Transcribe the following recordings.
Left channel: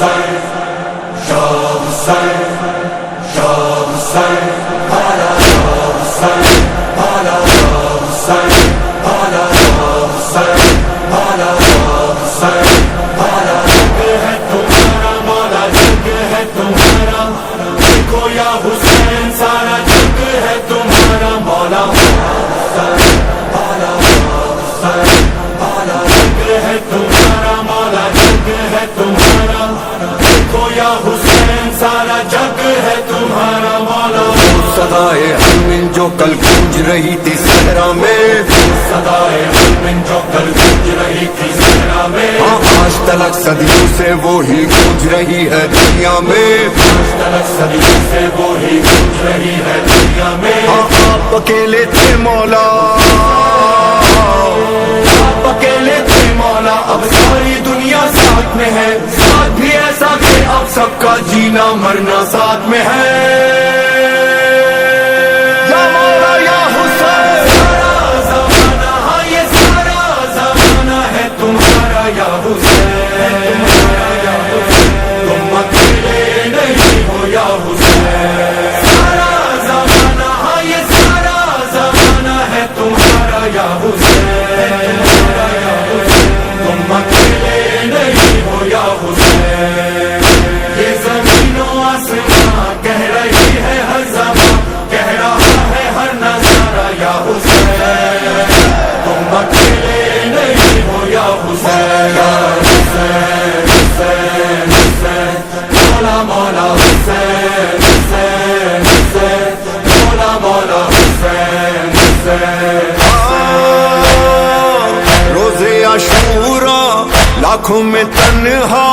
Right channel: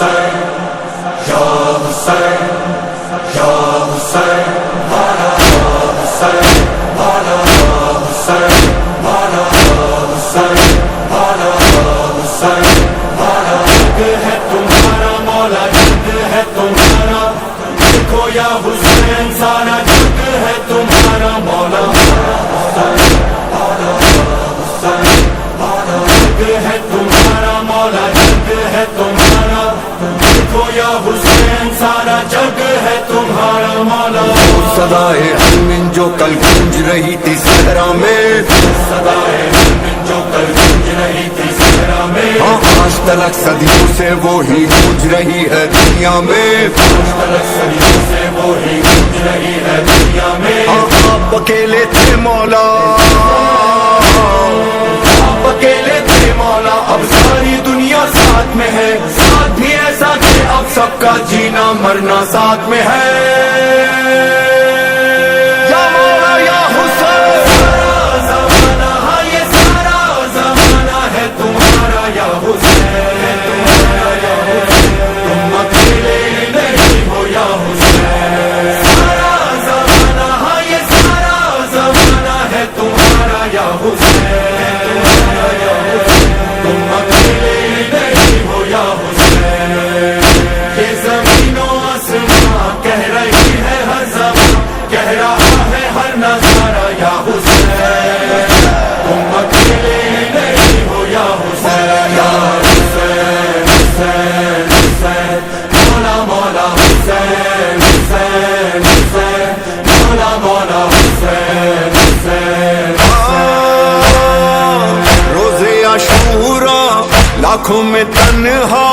Hussein, Ya Hussein, Ya Hussein, Mala Ya Hussein, Mala Ya Hussein, Mala Ya Hussein, Mala Ya Hussein, Mala jग है तुम्हारा मौला जग है तुम्हारा, देखो या हुसैन सारा जग है तुम्हारा मौला हुसैन, मौला हुसैन, मौला जग है तुम्हारा मौला जग है तुम्हारा, देखो या हुसैन सारा जग है तुम्हारा मौला। सदाए हरमिन जो कल गूंज रही थी सहरा में, सदाए हरमिन जो कल गूंज रही थी सहरा में, हाँ आज तलक सदियों से वो ही गूंज रही है दुनिया में, आज तलक सदियों से वो ही गूंज रही है दुनिया में। हाँ आप अकेले थे मौला, आप अकेले थे मौला, अब सारी दुनिया साथ में है, साथ भी ऐसा कि अब सबका जीना मरना साथ में है। या मौला या हुसैन, सारा ज़माना, हाँ ये सारा ज़माना है तुम्हारा या हुसैन, तुम्हारा या हुसैन, तुम अकेले नहीं हो या हुसैन। सारा ज़माना, हाँ ये सारा ज़माना है तुम्हारा या हुसैन, तुम्हारा या हुसैन, तुम अकेले नहीं हो या हुसैन। ये ज़मीनों आसमां कह रही है हर ज़मां, कह रहा है हर नज़ारा या हुसैन, तुम अकेले नहीं हो या हुसैन, या हुसैन, हुसैन, हुसैन, मौला मौला हुसैन, हुसैन, हुसैन, मौला मौला हुसैन, हुसैन। रोज़े आशूरा लाखों में तन्हा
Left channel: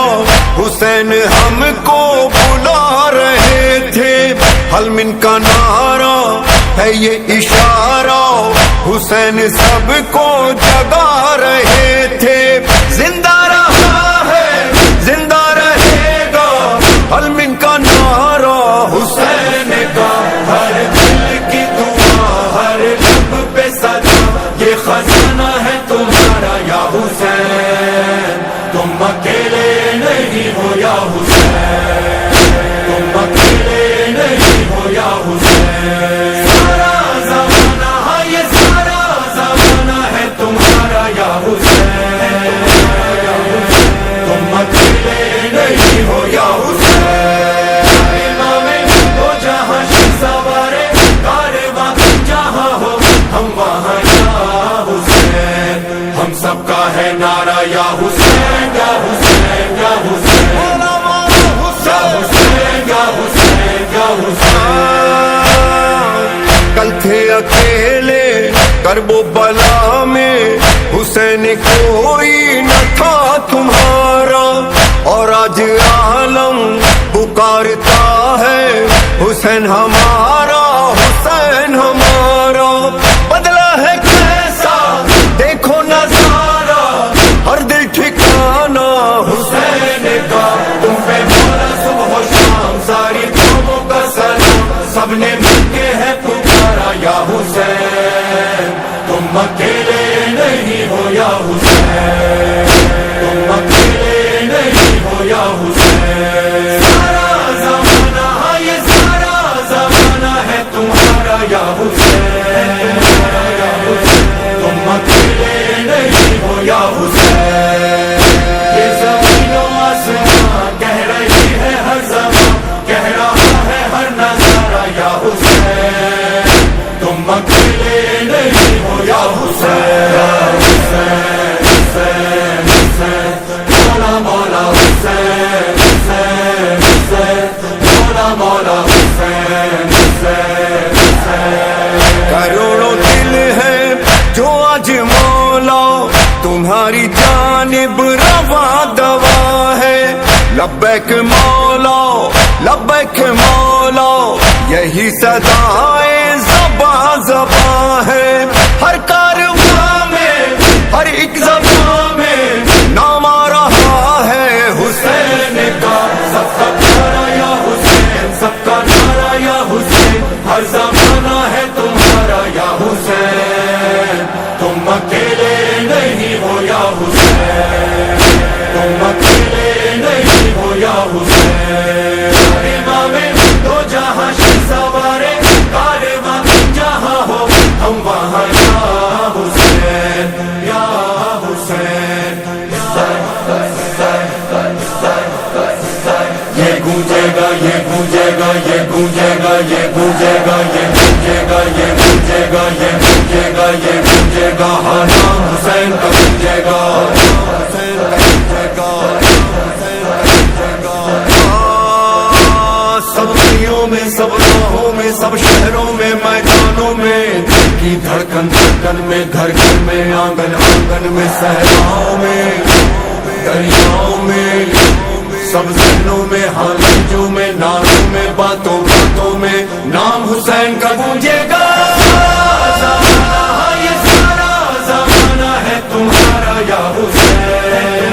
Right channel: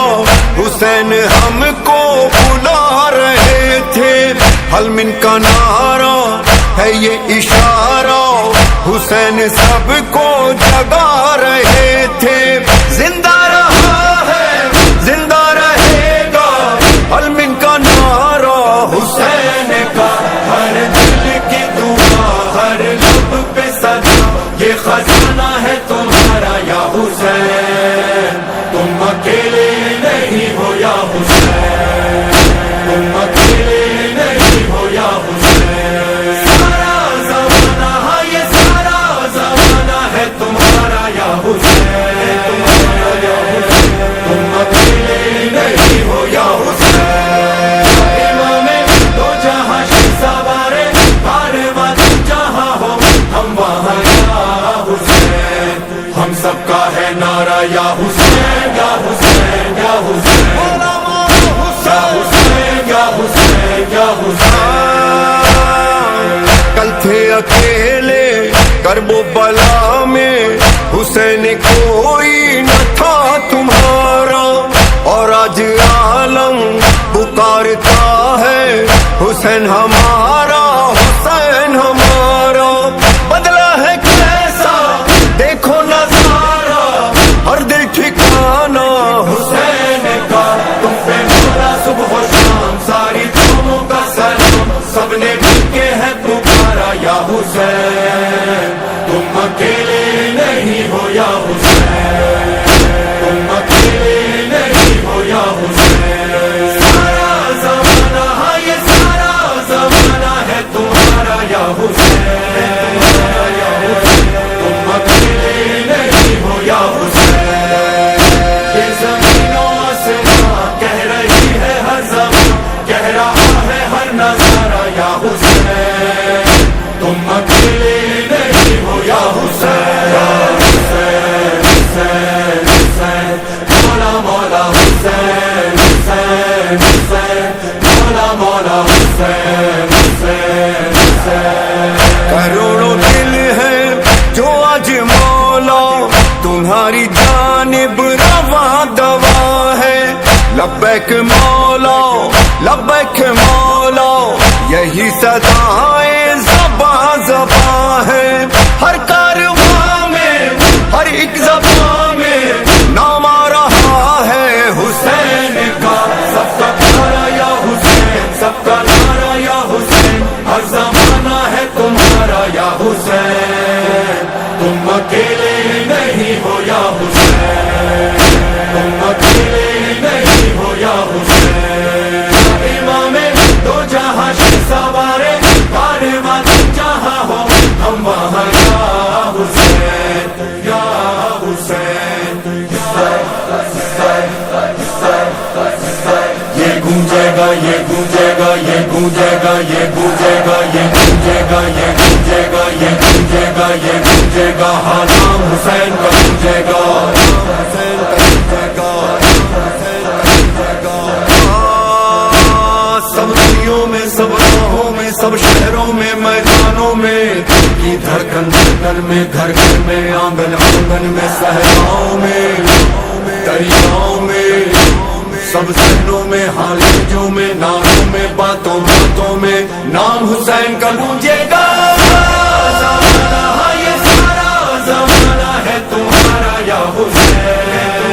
हुसैन हमको बुला रहे थे, हलमिन का नारा है ये इशारा, हुसैन सबको जगा रहे थे। जिंदा रहा है जिंदा रहेगा हलमिन का नारा हुसैन का, हर दिल की दुआ हर लब पे सदा, ये खजाना है तुम्हारा या हुसैन, तुम अकेले नहीं हो या हुसैन, तुम अकेले नहीं हो या हुसैन। सारा ज़माना, हाँ ये सारा ज़माना है तुम्हारा या हुसैन, तुम्हारा या हुसैन, तुम अकेले नहीं हो या हुसैन। इमाम दो जहां सवारे कारवां तुम जहां हो हम वहां या हुसैन, हम सबका है नारा या हुसैन, या हुसैन, या हुसैन, मौला मौला या हुसैन। हुसैन, या हुसैन, या हुसैन। कल थे अकेले करबो बला में, हुसैन कोई न था तुम्हारा, और आज आलम पुकारता है हुसैन हमारा, हुसैन हमारा। बदला है कैसा देखो नजारा, हर दिल ठिकाना हुसैन का, तुम पे मौला सुबह शाम सारी कौमों का सलाम, सबने मिलके है पुकारा या हुसैन, तुम अकेले नहीं हो या हुसैन, तुम अकेले नहीं हो या हुसैन। सारा ज़माना, हाँ ये सारा ज़माना है तुम्हारा या हुसैन, तुम्हारा या हुसैन, तुम अकेले नहीं हो या हुसैन। ये ज़मीनों आसमां कह रही है हर ज़मां, कह रहा है हर नज़ारा या हुसैन, तुम अकेले नहीं हो या हुसैन, या हुसैन, हुसैन, हुसैन, मौला मौला हुसैन, हुसैन, हुसैन, मौला मौला हुसैन, हुसैन, हुसैन। करोड़ों दिल है जो आज मौला तुम्हारी जानिब रवा दवा है, लब्बैक मौला लब्बैक मौला, यही सदाएं ज़बां ज़बां है। हर कारवां में हर एक ज़बां में नाम आ रहा है हुसैन का, सबका नारा या हुसैन, सबका नारा या हुसैन, हर ज़माना है तुम्हारा या हुसैन, तुम अकेले नहीं हो या हुसैन, तुम अकेले नहीं हो या ये गूंजेगा, ये गूंजेगा, ये गूंजेगा, ये गूंजेगा, ये गूंजेगा, ये गूंजेगा, ये गूंजेगा, हाँ नाम हुसैन का गूंजेगा, नाम हुसैन का गूंजेगा, नाम हुसैन का गूंजेगा। सब गलियों में, सब राहों में, सब शहरों में, मैदानों में, दिल की धड़कन धड़कन में, घर घर में, आंगन आंगन में, सहराओं में, दरियाओं में, सब जहनों में, हालियों में, नारों में, बातों बातों में, नाम हुसैन का गूंजेगा। ज़माना, हाँ ये सारा ज़माना है तुम्हारा या हुसैन,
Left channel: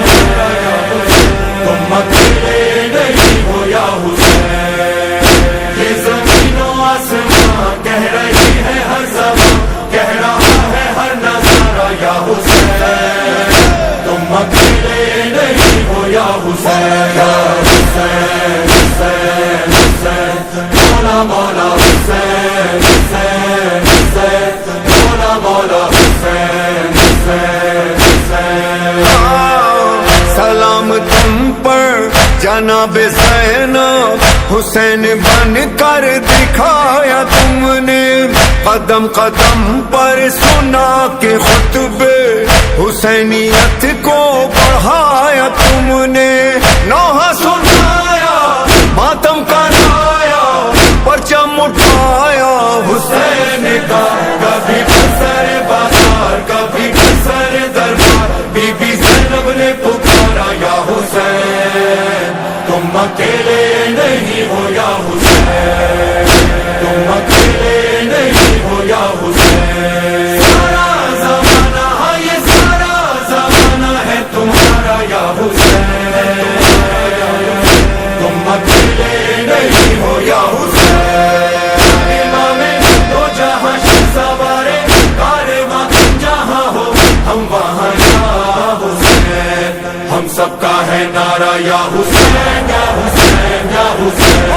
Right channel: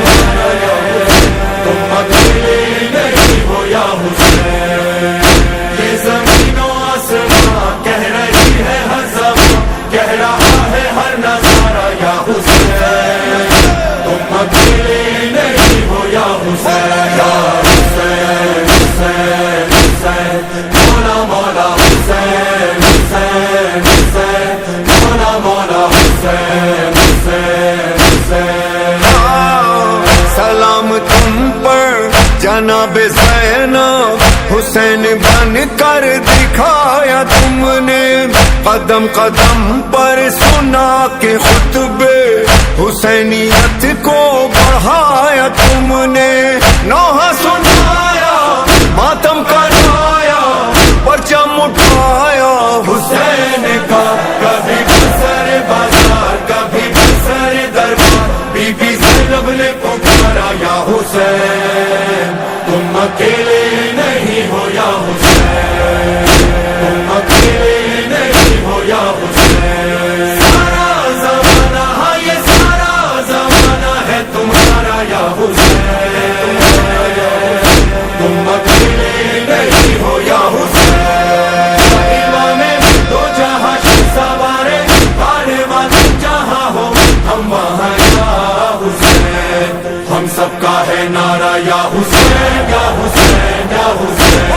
तुम अकेले नहीं हो या हुसैन। ये ज़मीनों आसमां कह रही है हर ज़बां, कह रहा है हर नज़ारा या हुसैन, तुम अकेले नहीं हो या हुसैन, या हुसैन, हुसैन, हुसैन, मौला मौला हुसैन, हुसैन, हुसैन, मौला मौला हुसैन, हुसैन, हुसैन। सलाम तुम पर जनाब ज़ैनब, हुसैन बन कर दिखाया तुमने, कदम कदम पर सुना के खुतबे, हुसैनियत को बढ़ाया तुमने, नौहा सुनाया, मातम कराया, परचम उठाया हुसैन का, कभी बसर बाजार, कभी बसर दरबार, बीबी ज़ैनब ने पुकारा या हुसैन, तुम अकेले नहीं हो या हुसैन, तुम अकेले नहीं हो या हुसैन। सारा ज़माना, हाँ ये सारा ज़माना है तुम्हारा या हुसैन, तुम अकेले नहीं हो या हुसैन। इमामे दो जहां सवारे कारवां, तुम जहां हो हम वहां या हुसैन, हम सबका है नारा या हुसैन, या हुसैन, या हुसैन।